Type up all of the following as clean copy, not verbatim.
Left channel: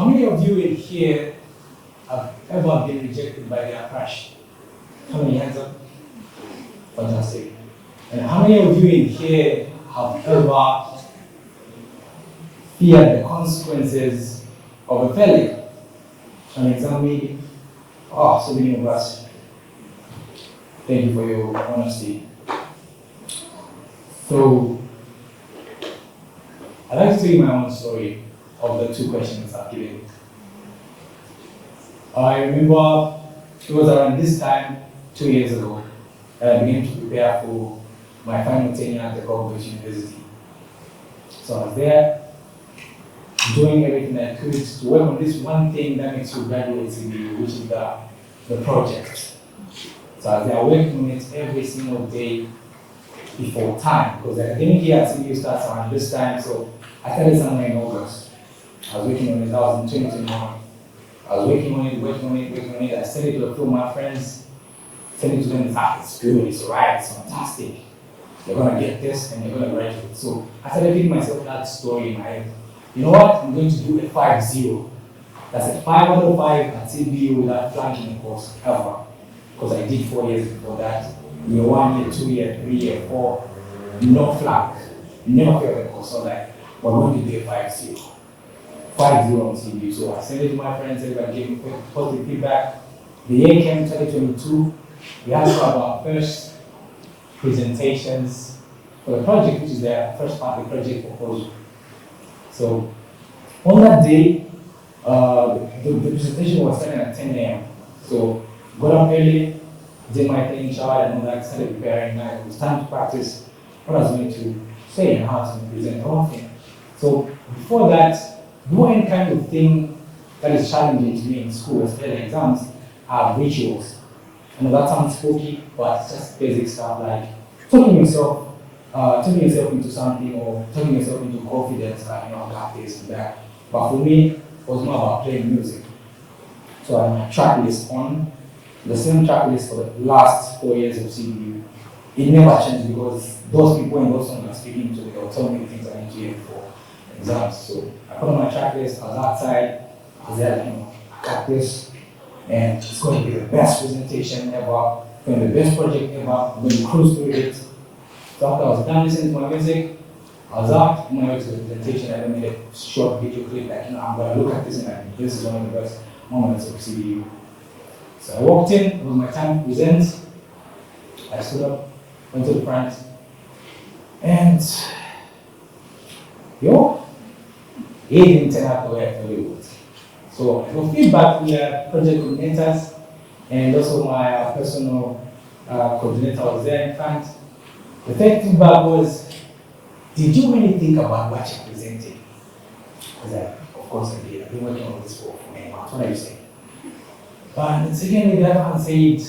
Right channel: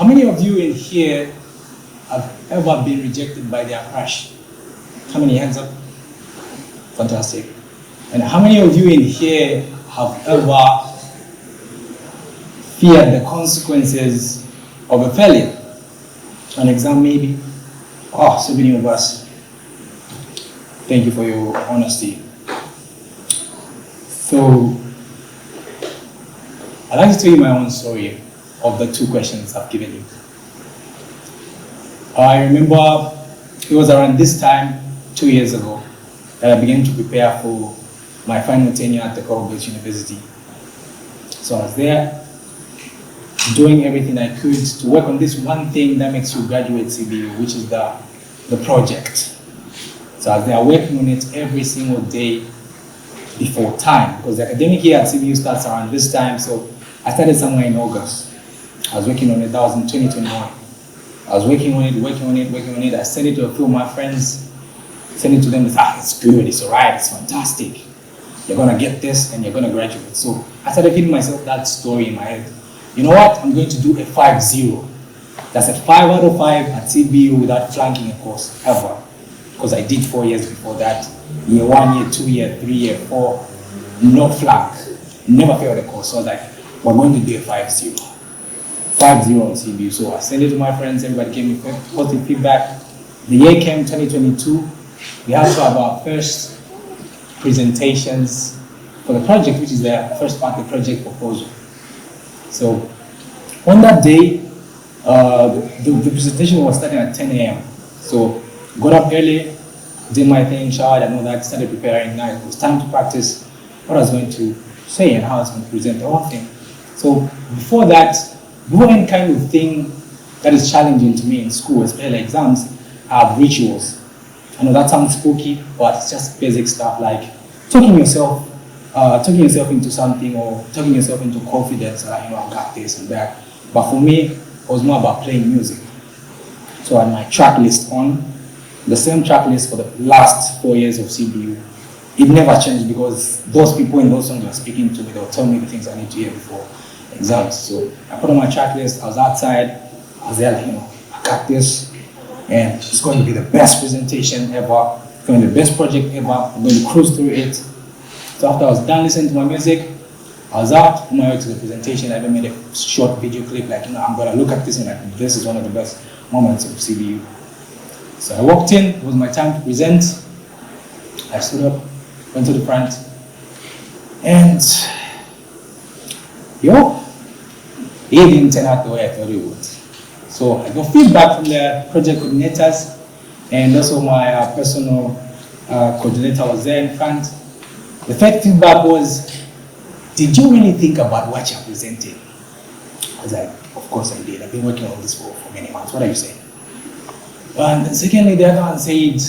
How many of you in here have ever been rejected by their crush? How many hands up? Fantastic. And how many of you in here have ever feared the consequences of a failure? An exam maybe? Oh, so many of us. Thank you for your honesty. So, I'd like to tell you my own story of the two questions I've given you. I remember it was around this time, 2 years ago, that I began to prepare for my final tenure at the Colgate University. So I was there, doing everything I could to work on this one thing that makes you graduate CBU, which is the project. So I was there working on it every single day before time, because the academic year at CBU starts around this time, so I started somewhere in August. I was working on it, that was in 2021. I was working on it. I sent it to a few of my friends, sent it to them, it's good, it's all right, it's fantastic. You're gonna get this and you're gonna graduate. So I started feeding myself that story in my head. You know what, I'm going to do a 5-0. That's a 5 out of 5 at CBU without flunking a course, ever. Because I did 4 years before that. Year 1, year 2, year 3, year 4, no flunk, never failed a course. So I was like, we're going to do a 5-0. 5-0 on CBU. So I sent it to my friends, everybody gave me positive feedback. The year came 2022, we had to have our first presentations for the project, which is the first part of the project proposal. So on that day, the presentation was starting at 10 a.m. So got up early, did my thing, showered and all that, started preparing. Now it was time to practice what I was going to say and how I was going to present the whole thing. So before that, before any kind of thing that is challenging to me in school, especially exams, I have rituals. I know that sounds spooky, but it's just basic stuff like talking yourself into something or talking yourself into confidence, I've got this and that. But for me, it was more about playing music. So I had my track list on, the same track list for the last 4 years of CBU. It never changed because those people in those songs were speaking to me, they were telling me the things I need to hear before exams. So I put on my track list, I was outside, I was there like, I got this, and it's going to be the best presentation ever, it's going to be the best project ever, I'm going to cruise through it. So after I was done listening to my music, I was out on my way to the presentation. I even made a short video clip, like, I'm going to look at this and like, this is one of the best moments of CBU. So I walked in, it was my time to present. I stood up, went to the front, and it didn't turn out the way I thought it would. So I got feedback from the project coordinators, and also my personal coordinator was there in front. The third feedback was, did you really think about what you're presenting? I was like, of course I did. I've been working on this for many months. What are you saying? And secondly, the other one said,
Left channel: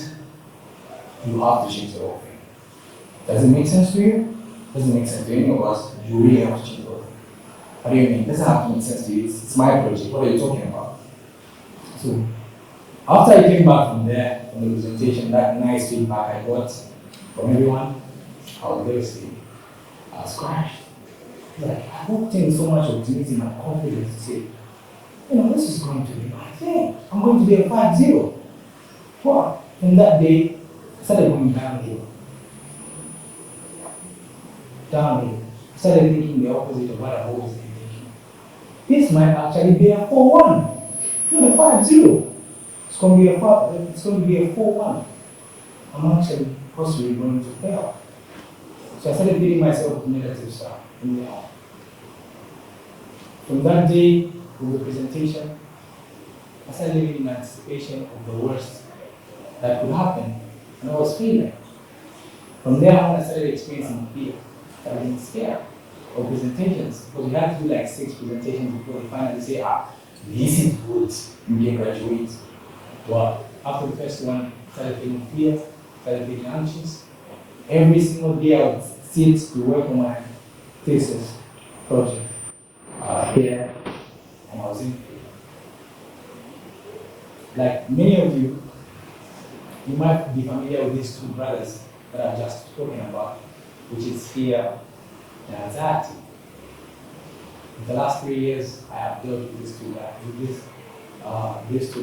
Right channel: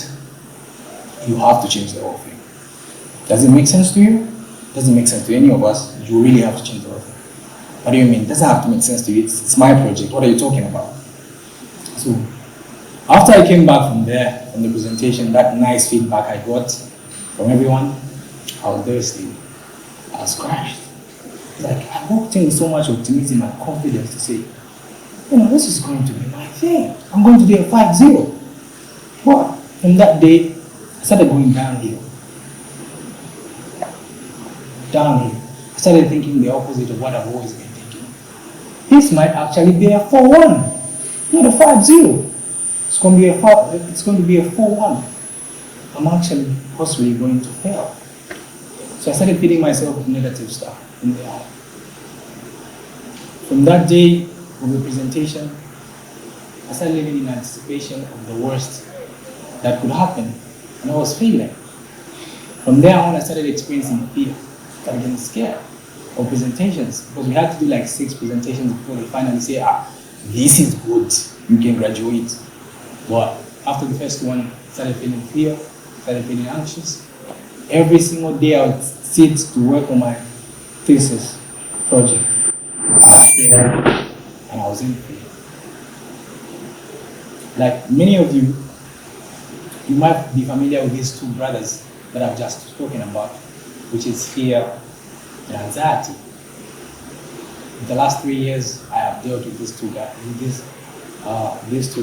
you have to change the whole thing. Does it make sense to you? Doesn't make sense to any of us. You really have to change the whole thing. What do you mean? It doesn't have to make sense to you. It's my project. What are you talking about? So after I came back from there, from the presentation, that nice feedback I got from everyone, I was devastated. I was crushed. Like, I walked in with so much optimism and confidence to say, this is going to be my thing. I'm going to be a 5-0. Well, from that day, I started going downhill. I started thinking the opposite of what I've always been thinking. This might actually be a 4-1, not a 5-0. It's going to be a 4-1. I'm actually possibly going to fail. So I started feeding myself with negative stuff in the heart. From that day of the presentation, I started living in anticipation of the worst that could happen, and I was failing. From there on, I started experiencing fear. I started getting scared of presentations, because we had to do like 6 presentations before they finally say, this is good, you can graduate. But after the first one, I started feeling fear, started feeling anxious. Every single day I would sit to work on my thesis project. I was there, and I was in fear. Like many of you, you might be familiar with these 2 brothers that I've just spoken about, which is fear and anxiety. in the last 3 years, I have dealt with these two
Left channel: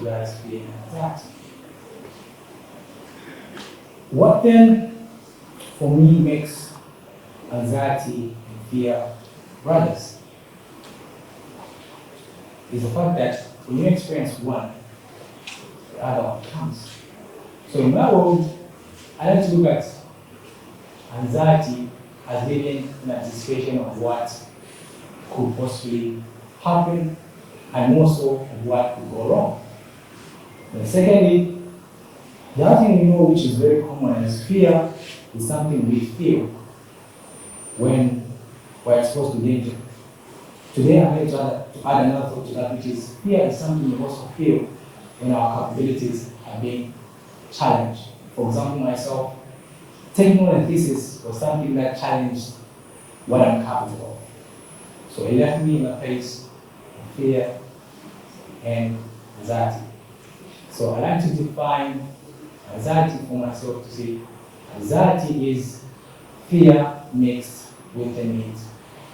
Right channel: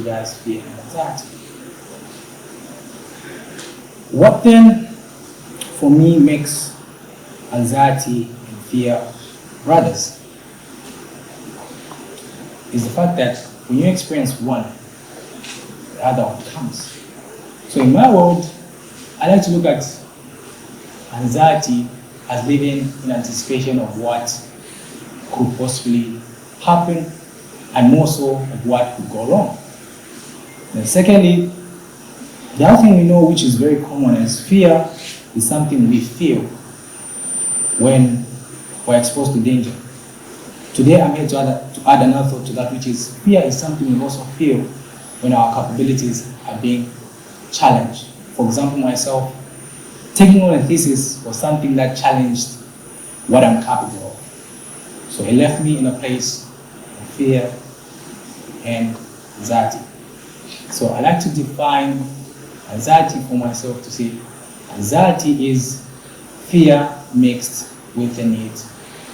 guys, fear and anxiety. What then, for me, makes anxiety and fear brothers is the fact that when you experience one, the other one comes. So in my world, I like to look at anxiety as living in anticipation of what could possibly happen, and more so of what could go wrong. And secondly, the other thing we know, which is very common, is fear is something we feel when we're exposed to danger. Today I'm here to add another thought to that, which is fear is something we also feel when our capabilities are being challenged. For example, myself, taking on a thesis was something that challenged what I'm capable of. So it left me in a place of fear and anxiety. So I like to define anxiety for myself to say anxiety is fear mixed with the need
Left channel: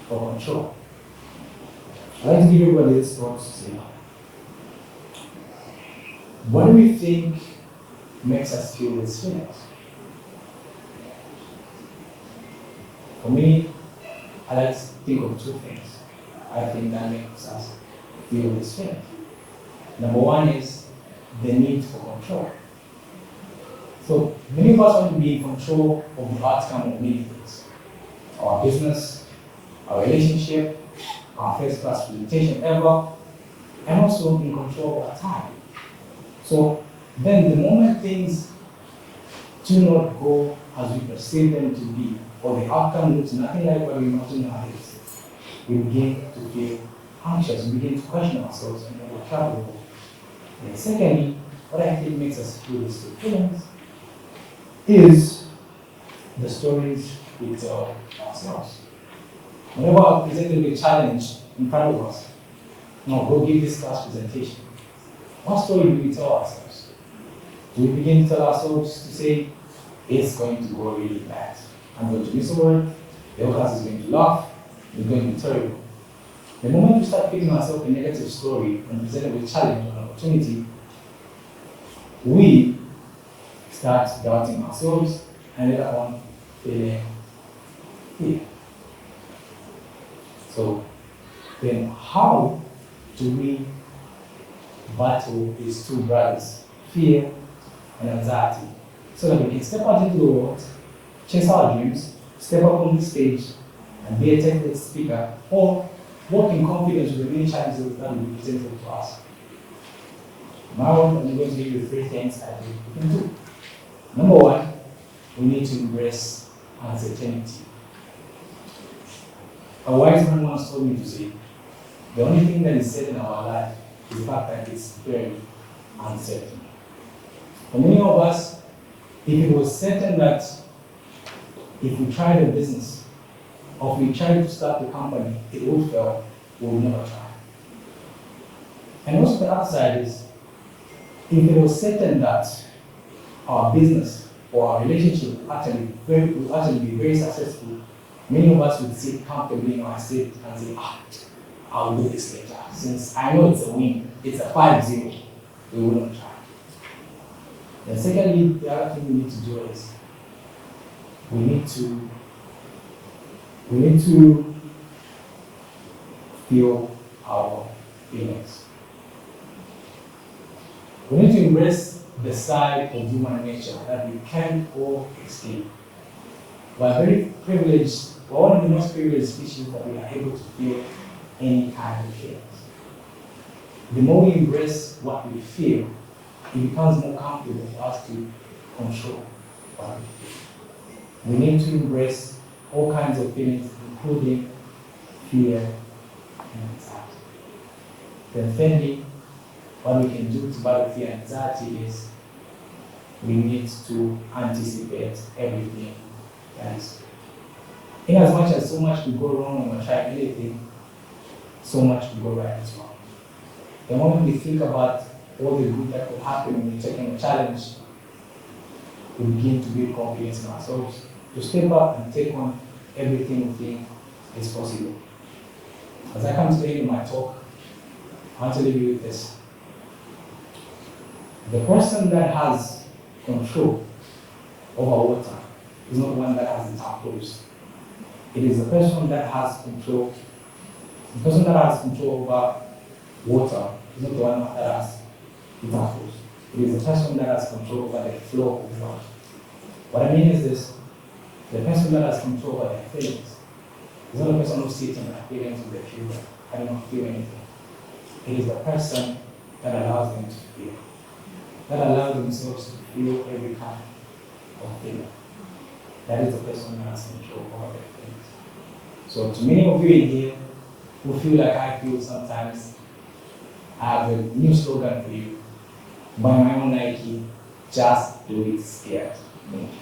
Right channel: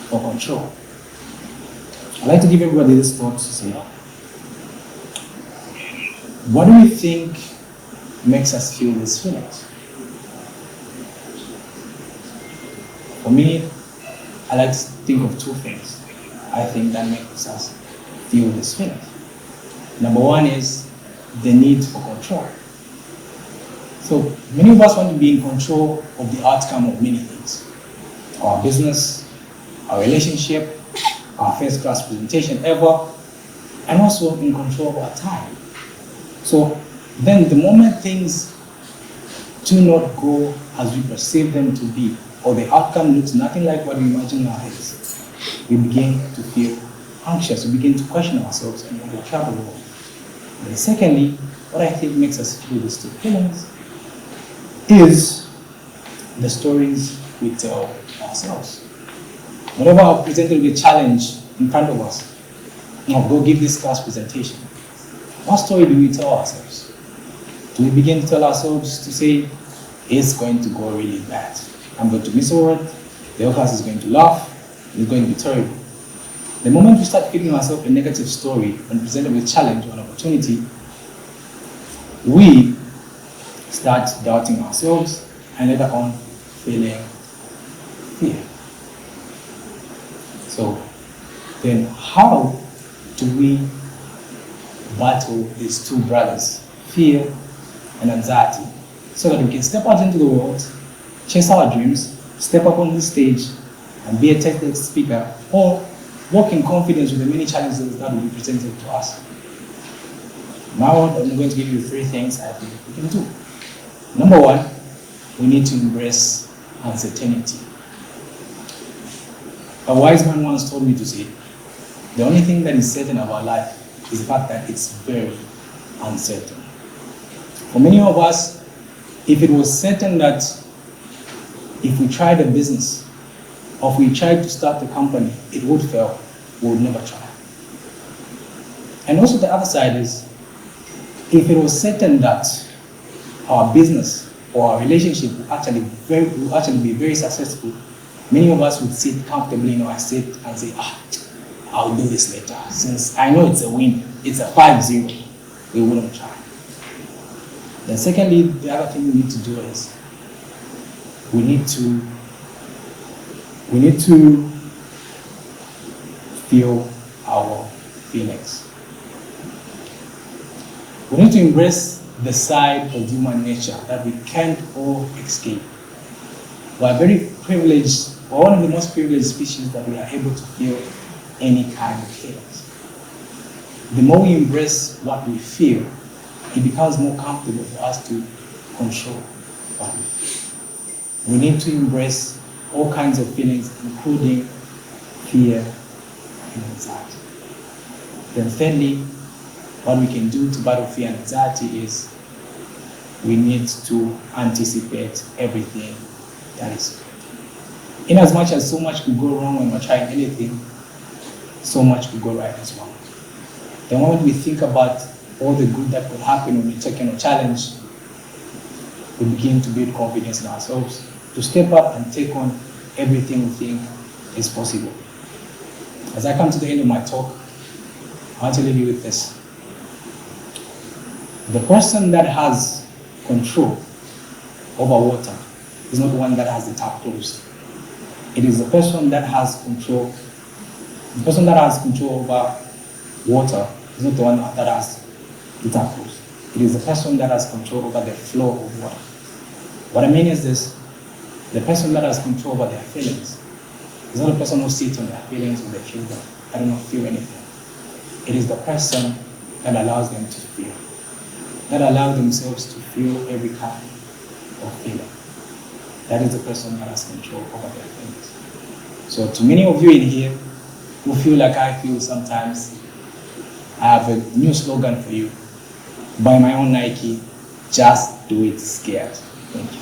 for control. I like to give everybody this thought to say, what do we think makes us feel these feelings? For me, I like to think of two things I think that makes us feel these feelings. Number one is the need for control. So many of us want to be in control of the outcome of many things. Our business, our relationship, our first class presentation ever, and also in control of our time. So then the moment things do not go as we perceive them to be, or the outcome looks nothing like what we imagine in our heads, we begin to feel anxious, we begin to question ourselves and we travel. And then secondly, what I think makes us feel these two feelings is the stories we tell ourselves. Whenever we're presented with a challenge in front of us, now go give this class presentation, what story do we tell ourselves? Do we begin to tell ourselves to say, it's going to go really bad. I'm going to miss a word, the whole class is going to laugh, it's going to be terrible. The moment we start feeding ourselves a negative story and presented with challenge or an opportunity, we start doubting ourselves and later on feeling fear. So then how do we battle these two brothers, fear and anxiety, so that we can step out into the world, chase our dreams, step up on the stage and be a TEDx speaker, or walk in confidence with the many challenges that will be presented to us? Now I'm going to give you 3 things I think we can do. Number 1, we need to embrace uncertainty. A wise man once told me to say, the only thing that is certain about life is the fact that it's very uncertain. For many of us, if it was certain that if we tried a business, or if we tried to start a company, it would fail, we would never try. And also the other side is, if it was certain that our business or our relationship will actually be very successful, many of us would sit comfortably in our seat and say, I'll do this later. Since I know it's a win, it's a 5-0, we wouldn't try. Then secondly, the other thing we need to do is, we need to feel our feelings. We need to embrace the side of human nature that we can't all escape. We are very privileged, we're one of the most privileged species that we are able to feel any kind of feelings. The more we embrace what we feel, it becomes more comfortable for us to control what we feel. We need to embrace all kinds of feelings, including fear and anxiety. Then thirdly, what we can do to battle fear and anxiety is we need to anticipate everything that is good. In as much as so much could go wrong when we're trying anything, so much could go right as well. The moment we think about all the good that will happen when we're taking a challenge, we begin to build confidence in ourselves to step up and take on everything we think is possible. As I come to the end of my talk, I want to leave you with this. The person that has control over water is not the one that has the tap closed. It is the person that has control. The person that has control over water is not the one that has the tap closed. It is the person that has control over the flow of water. What I mean is this: the person that has control over their feelings is not the person who sits on their feelings and they feel that I do not feel anything. It is the person that allows them to feel, that allows themselves to feel every kind of feeling. That is the person that has control over their feelings. So to many of you in here who feel like I feel sometimes, I have a new slogan for you. Buy my own Nike, just do it scared. Thank you.